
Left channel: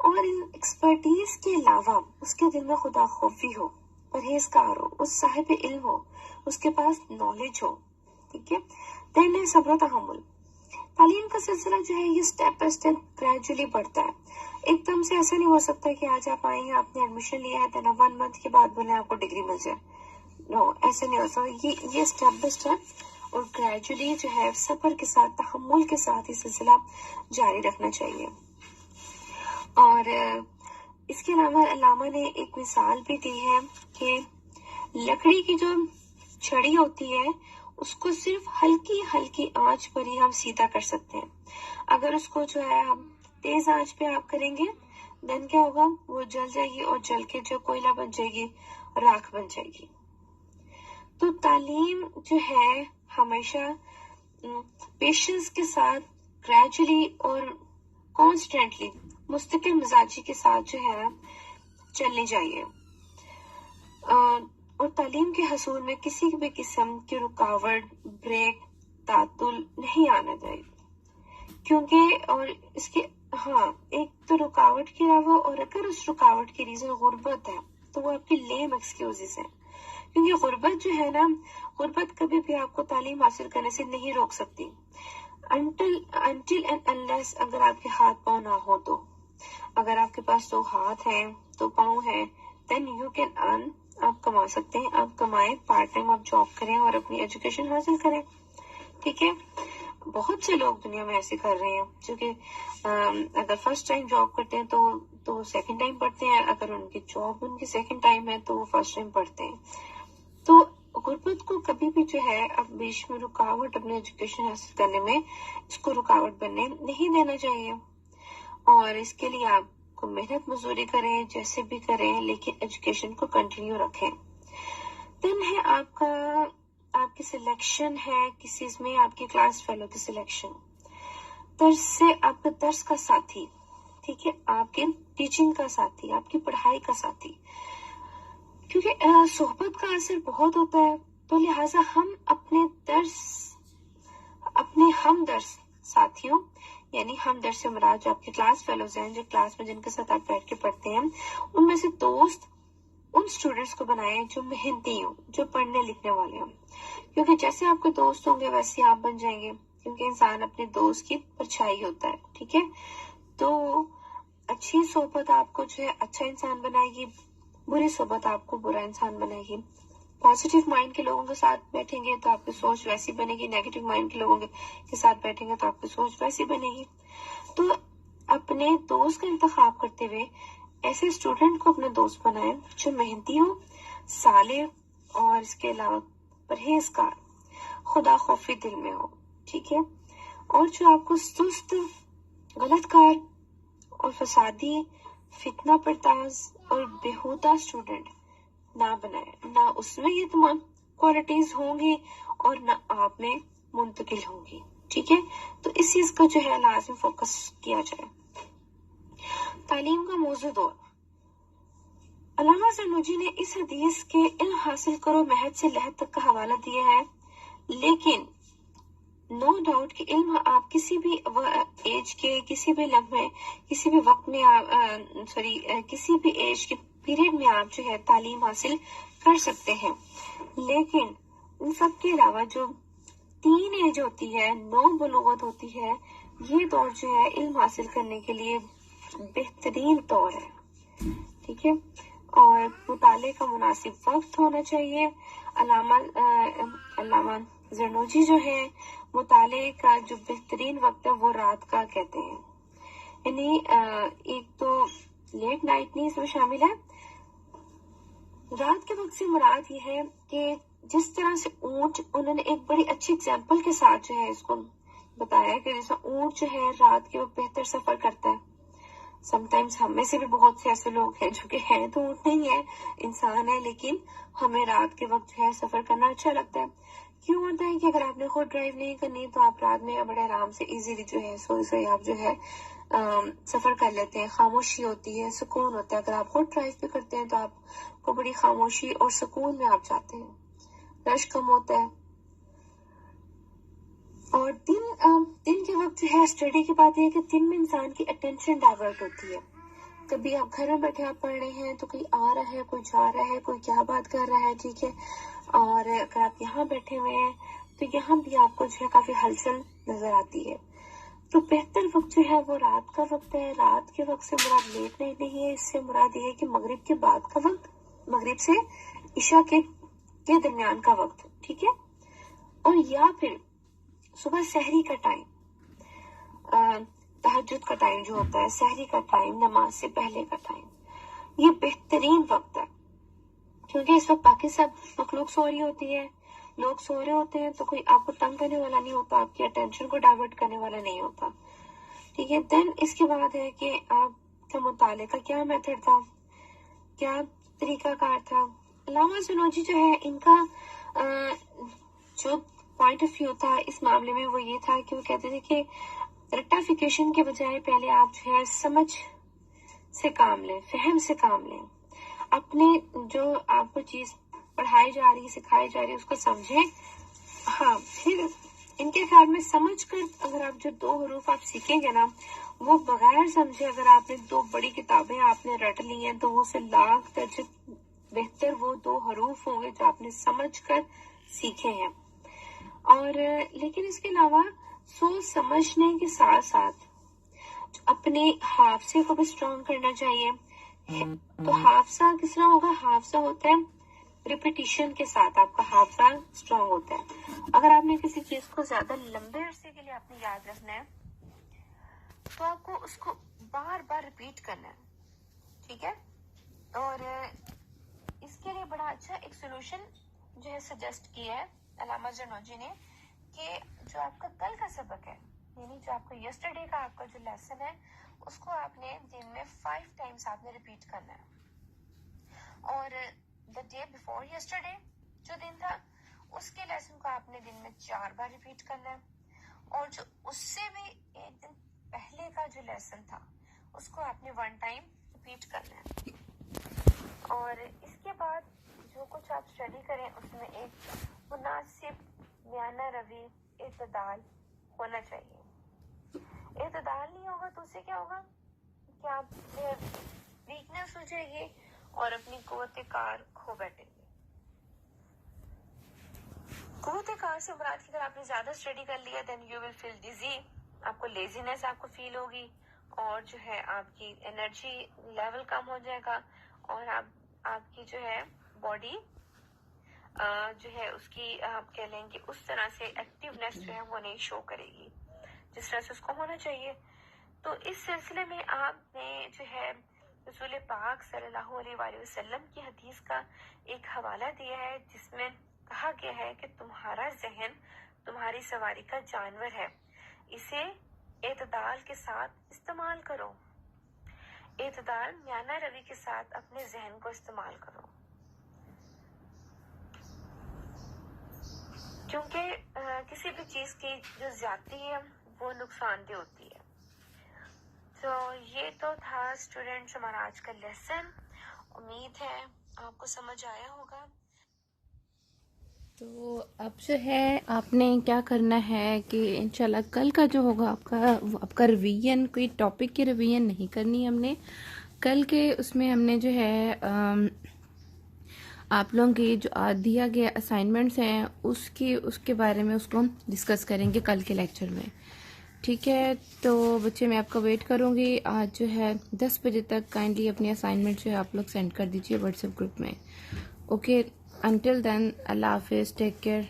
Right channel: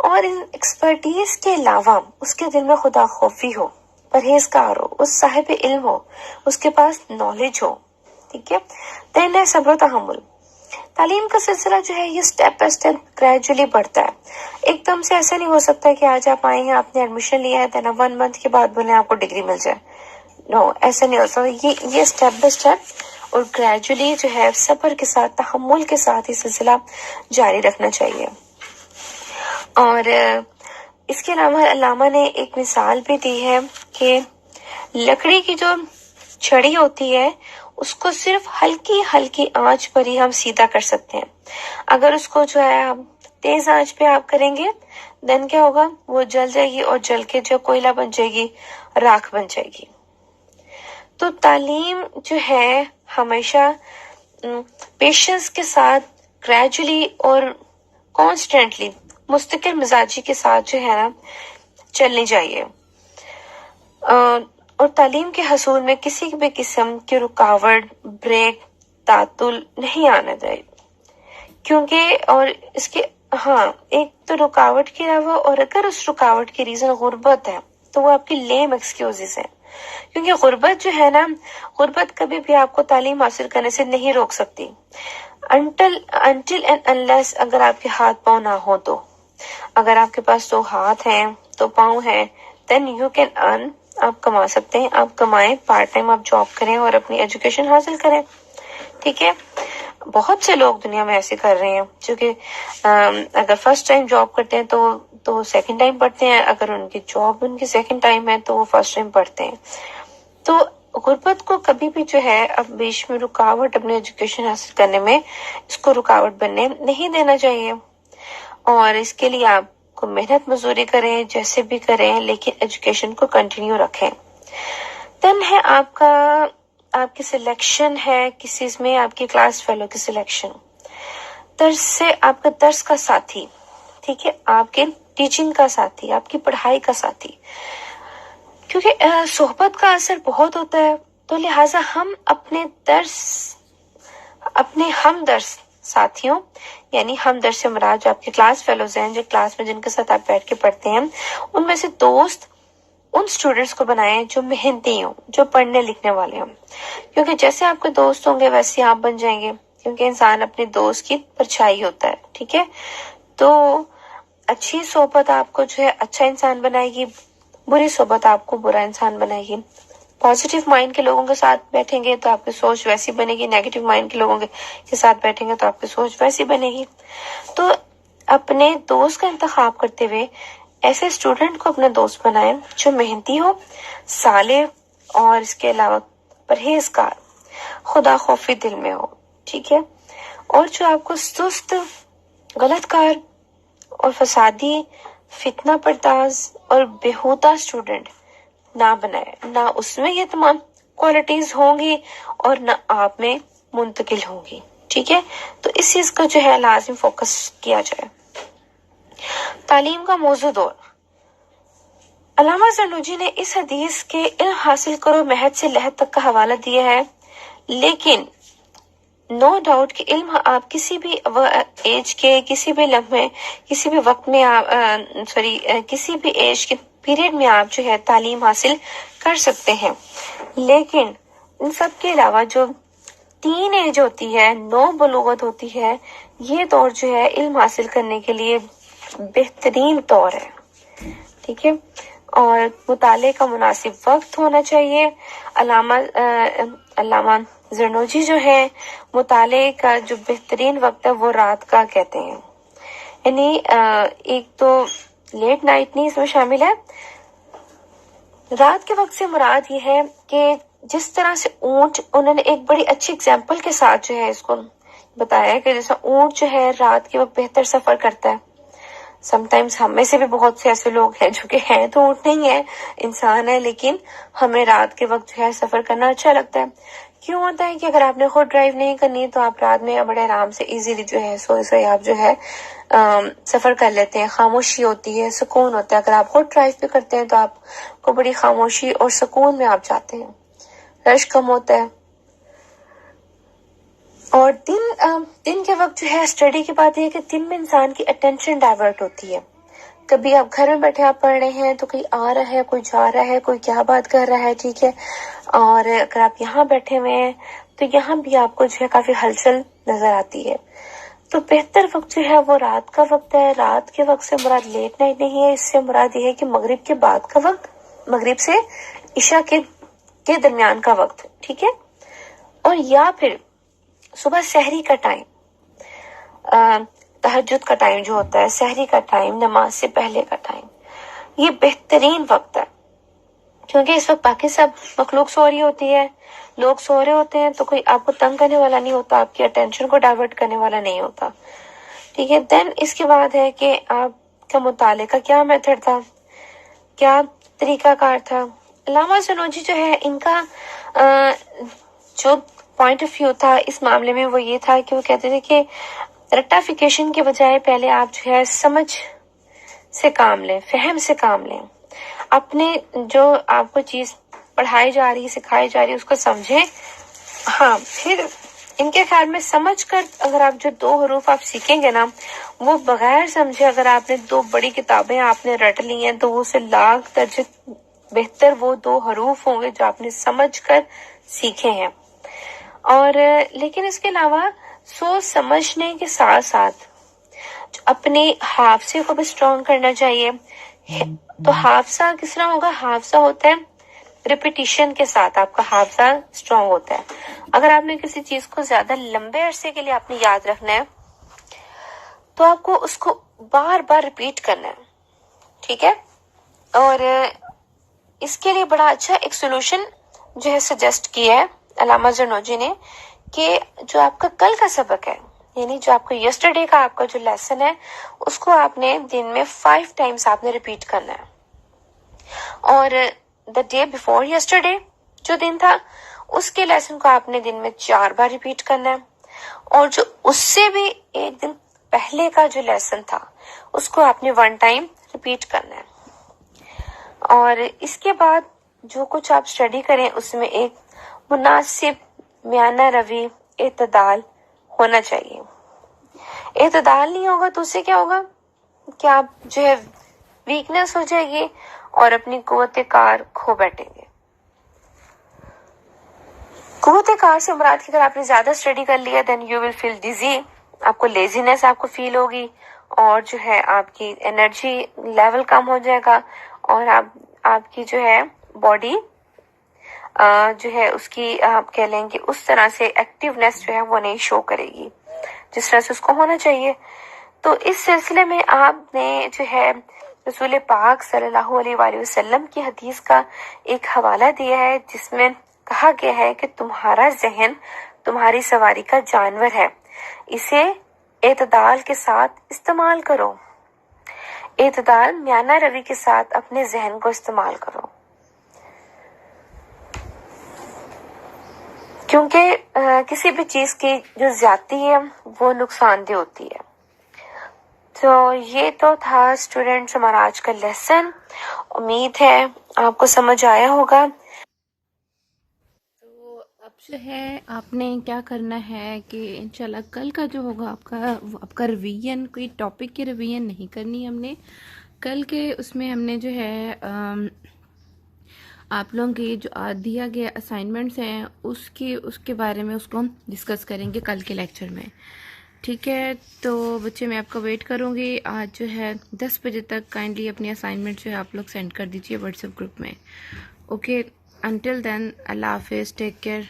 اور ان ایکسپرٹیز کے علاوہ اس کے دل میں خدا خوفی ہو، پرہیزگار ہو، اس صاحب علم ہو، اس کے پاس نالج ہو، ٹھیک ہے. دین ہے صبر و تحمل. تعلیم کا سلسلہ جو ہے یہ سٹیپ بائی سٹیپ گریجولی بڑھتا ہے. ایک دم سے ایسا نہیں ہو سکتا کہ آج آپ آئے ہیں، آپ نے ایڈمیشن لیا ہے، دین 1 منتھ کے بعد بولیں آپ کو ڈگری مل جائے. نو، ایسا نہیں ہو سکتا. یہ سٹیپ بائی سٹیپ اور گریجولی جو ہے صبر کے ساتھ، تحمل کے ساتھ یہ سلسلہ جاری رکھنا چاہیے. اور اس کے علاوہ علامہ نے ایک مثال بھی دی ہے کہ لکڑی کی جو چھڑی ہوتی ہے اس کو صرف ہلکی ہلکی آنچ پر ہی ہم سیدھا کر سکتے ہیں. اگر اس کو جو ہے ہم تیز آنچ پہ آپ کریں گے، دن کیا ہوگا، وہ جل جائے گی، اور جل کے جو کوئلہ بن جائے گی، راکھ بن جائے گی. تو تعلیم جو ہے ہمیشہ پیشنس کے ساتھ گریجولی اور کانسٹنٹلی مستقل مزاجی کے ساتھ جو ہے نا چلنی چاہیے. اور تعلیم کے حصول میں کسی بھی قسم کی رکاوٹ، بریک، تعطل نہیں آنا چاہیے. کیونکہ اور اس کے ایک تو رکاوٹ کے علاوہ، اور اگر اس رکاوٹ کی ریزن غربت ہے تو وہ آپ کی لیم ایکسکیوزز ہیں. کیونکہ غربت جو ہے نا، غربت کبھی بھی آپ کو تعلیم حاصل کرنے سے نہیں روک سکتی. انٹل اینڈ انلیس اگر آپ کے ہاتھ پاؤں نہ ہو تو. اگر آپ کے پاس 2 ہاتھ ہیں، 2 پاؤں ہیں، دین یو کین ارن، آپ کما سکتے ہیں، آپ کمائیں، پارٹ ٹائم آپ جاب کریں اور اپنی ایجوکیشن حاصل کریں، ٹھیک ہے. بہت سے لوگ دنیا میں ایسے کر رہے ہیں جو کہ اگر فرسٹ ٹائم جاب کرتے ہیں تو سیکنڈ ٹائم پڑھتے ہیں، اگر ان کی جاب ان کی سیکنڈ ٹائم ہے تو وہ فرسٹ ٹائم پڑھتے ہیں. تو غربت کو کبھی بھی جو ہے اب بیچ میں رکاوٹ اپنے ایجوکیشن حاصل کرنے میں، اس کو رکاوٹ بننے نہیں دینا چاہیے. اور اس کے لیے آپ کو محنت مزدوری کریں، جیسے بھی کریں، لیکن ایجوکیشن کو کنٹینیو رکھیں. دن ہے آپ کی سلیکشن ہے کسی میں، آپ کی کلاس فیلو کی سلیکشن، درس سے آپ کا درس کا ساتھی، ٹھیک ہے، آپ کے ٹیچنگ کا ساتھی، آپ کی پڑھائی کا ساتھی. کیونکہ صحبت کا اثر بہت ہوتا ہے، تو لہٰذا ہم اپنے ہم درس ساتھیوں، یعنی ہم درس سے مراد جو آپ کے کلاس فیلوز ہیں، جو کلاس میں جن کے ساتھ آپ بیٹھ کے پڑھتے ہیں، ان میں سے دوست ان سٹوڈنٹس کو بنائیں جو محنتی ہوں، جو پڑھنے لکھنے والے ہوں. کیونکہ جیسے آپ کے دوست ہوں گے ویسے آپ بن جائیں گے، کیونکہ انسان اپنے دوست کی پرچھائی ہوتا ہے، ٹھیک ہے. تو اچھی صحبت آپ کو جو ہے اچھا انسان بنائے گی، بری صحبت آپ کو برا انسان بنائے گی. پازیٹیو مائنڈ کے لوگوں کے ساتھ بیٹھیں گے تو آپ کی سوچ ویسی بنے گی، نیگیٹو مائنڈ کے لوگوں کے ساتھ بیٹھیں گے تو آپ کی سوچ ویسی بنے گی. تو اپنے دوست کا انتخاب کرتے ہوئے ایسے اسٹوڈنٹ کو اپنا دوست بنائیں جو محنتی ہو، صالح، اور اس کے علاوہ پرہیزگار، خدا خوفی دل میں ہو، ٹھیک ہے. اور جو آپ کو سست، غلط کار اور فسادی، فتنہ پرداز اور بیہودہ اسٹوڈنٹ نہ بنائے. نہ اس میں یہ تمام کوالٹیز ہوں گی اور نہ آپ میں منتقل ہوں گی، ٹھیک ہے. تو اس چیز کا جو ہے لازم فوکس کیا جائے. تعلیم کا موضوع دور. علامہ زرنوجی نے اس حدیث کے علم حاصل کرو مہد سے لہد تک کا حوالہ دیا ہے، لیکن نو ڈاؤٹ کہ علم آپ کسی بھی ایج کے، کسی بھی لمحے، کسی بھی وقت میں کسی بھی ایج کے پیریڈ میں آپ جو ہے تعلیم حاصل کر سکتے ہیں. لیکن ان سب کے علاوہ جو 3 ایج ہوتی ہے، 9 بلوغت ہوتی ہے، یہ دور جو ہے علم حاصل کرنے کے لیے بہترین دور ہے، ٹھیک ہے. اور مطالعے کا مناسب وقت ہونا چاہیے. علامہ زرنوجی جو ہے مطالعے کا جو بہترین وقت ہے وہ رات کا کہتے ہیں. یعنی ایک تو لیٹ نائٹ نہیں اس میں شامل ہے. رات کے وقت سے مراد یہ ہے کہ جس طرح سے اونٹ، انہوں نے ایک بڑی اچھی اگزامپل کے ساتھ جو ہے اس کو بتایا کہ جیسا اونٹ جو ہے رات کے وقت بہتر سفر کرتا ہے. سم ٹائمز ہم میں سے بھی بہت سے ایسے لوگ ہیں جو کہ ہیں تو اونٹ نہیں ہے، انسان ہے، لیکن ہمیں رات کے وقت جو ہے سفر کرنا اچھا لگتا ہے. کیوں ہوتا ہے کہ اگر آپ نے خود ڈرائیو نہیں کرنی تو آپ رات میں بڑے آرام سے ایزیلی جو ہے سوئے آپ جو ہے سفر کر لیتے ہیں. خاموشی ہوتی ہے، سکون ہوتا ہے. اگر آپ خود ڈرائیو بھی کرتے ہیں تو آپ کو بڑی خاموشی اور سکون میں آپ جاتے ہیں. رش کم ہوتا ہے. اور دن کے وقت جو ہے اسٹڈی کی بات یہ ہے کہ دن میں انسان کی اٹینشن ڈائیورٹ ہوتی ہے. کبھی آپ گھر میں بیٹھے آپ پڑھ رہے ہیں تو کوئی آ رہا ہے، کوئی جا رہا ہے، کوئی کیا بات کر رہا ہے، ٹھیک ہے. اور اگر آپ یہاں بیٹھے ہوئے ہیں تو یہاں بھی آپ کو جو ہے کافی ہلچل نظر آتی ہے. تو بہتر وقت جو ہے وہ رات کا وقت ہے. رات کے وقت سے مراد لیٹ نائٹ نہیں ہے، اس سے مراد یہ ہے کہ مغرب کے بعد کا وقت، مغرب سے عشاء کے درمیان کا وقت، ٹھیک ہے. اور یا پھر صبح سحری کا ٹائم، تہجد کا ٹائم جو ہوتا ہے، سحری کا ٹائم، نماز سے پہلے کا ٹائم، یہ بہترین وقت ہے. کیونکہ اس وقت باقی سب مخلوق سو رہی ہوتی ہے، لوگ سو رہے ہوتے ہیں، تو کوئی آپ کو تنگ کرنے والا نہیں ہوتا، آپ کی اٹینشن کو ڈائیورٹ کرنے والا نہیں ہوتا، ٹھیک ہے. دین اس کے بعد ہے کہ آپ کا مطالعے کا کیا میتھڈ تھا، کیا طریقہ کار تھا. علامہ زرنوجی جو ہے ان کا جو پوائنٹ آف ویو تھا اس معاملے میں وہ یہ تھا کہ وہ کہتے تھے کہ رٹافیکیشن کے بجائے پہلے آپ جو ہے سمجھ سے کام لیں، فہم سے کام لیں. اپنے جو آپ کو چیز پڑھائی جا رہی ہے، سکھائی جا رہی ہے، اس کو سمجھیں. ہاں، پھر ان کے خیال میں سمجھ کر اگر آپ جو 2 حروف آپ سیکھیں گے نا، وہ بغیر سمجھے اگر آپ نے 2 بڑی کتابیں آپ نے رٹ لی ہیں تو وہ سے لاکھ درجے بہتر وہ 2 حروف ہوں گے جو آپ نے سمجھ کر سیکھے ہیں. اور لیکن اس کے علاوہ سوچ سمجھنے کے ساتھ ساتھ اپنے حافظے کو بھی اسٹرانگ کرنا چاہیے. تو حافظہ کس طرح ہوگا؟ حافظہ ہوتا ہے ریپیٹیشن کے ساتھ آپ کا حافظہ اسٹرانگ ہوتا ہے. اگر آپ نے کسی چیز کو زیادہ لمبے عرصے کے لیے آپ نے یاد رکھنا ہے تو آپ کو اس کو بار بار ریپیٹ کرنا ہے، ٹھیک ہے. اور اس کے لیے بڑا اچھا ایک سولوشن جو ہے سجیسٹ کیا ہے علامہ زرنوجی نے، کہ جو آپ کا کل کا سبق ہے، یعنی جو آپ کا یسٹرڈے کا آپ کا جو لیسن ہے، اس کو آپ نے دن میں 5 ٹائمز آپ نے ریپیٹ کرنا ہے. اور دا ڈے بیفور یسٹرڈے جو دن تھا اس کے لیسن کو آپ نے دن میں 4 بار ریپیٹ کرنا ہے. اور جو اس سے بھی ایک دن پہلے کا جو لیسن تھا اس کو آپ نے 1 ٹائم ریپیٹ کرنا ہے. اور اس کے بعد جو کچھ آپ اسٹڈی کریں اس میں ایک مناسب میانہ روی، اعتدال ہونا چاہیے. اعتدال نہیں ہوگا تو اس سے کیا ہوگا کہ آپ جو ہے ویکنس ہو جائے گی اور اپنی قوت کار کھو بیٹھیں گے. قوت کار سے مراد کہ اگر آپ نے زیادہ اسٹڈی کر لیا then you will feel dizzy, آپ کو لیزینس آپ کو فیل ہوگی، اور جو ہے آپ کی انرجی لیول کم ہو جائے گا، اور آپ کی جو ہے باڈی جو ہے اس کی آپ کہہ لیں کہ اس طرح سے ایکٹیونیس جو ہے وہ نہیں شو کرے گی جس طرح سے اس کو ہونا چاہیے. تو اس سلسلے میں آپ نے جو ہے رسول پاک صلی اللہ علیہ وآلہ وسلم کی حدیث کا ایک حوالہ دیا ہے جس میں کہا گیا ہے کہ تمہارا ذہن تمہاری سواری کا جانور ہے، اسے اعتدال کے ساتھ استعمال کرو. اعتدال میانہ روی کے ساتھ اپنے ذہن کو استعمال کرو، کیونکہ کسی بھی چیز کی جو زیادتی ہے وہ نقصان دہ ہوتی ہے. تو یہ تو تھا اسٹوڈینٹس ہمارا آج کا لیسن. امید ہے آپ کو سمجھ آیا ہوگا. تو اب جو ہے آپ نے کیا کرنا ہے کہ انشاءاللہ کل کا جو ہوگا آپ کا ریویژن، کوئی ٹاپک کی ریویژن نہیں کرنی ہم نے کل کے، اس میں ہم نے جو ہے آپ لوگوں کی جو دیا گیا اسائنمنٹس ہیں اس کے بارے میں اس کو ہم ڈسکس کریں گے کل کے لیکچر میں، ٹھیک ہے. تو بچے میں آپ کا ویٹ کروں گی. آج جو ہے 10 بجے تک کائنڈلی اپنی اسائنمنٹ جو ہے آپ لوگ سینڈ کر دیجیے واٹس ایپ گروپ میں. اوکے، انٹل دین اللہ حافظ، ٹیک کیئر.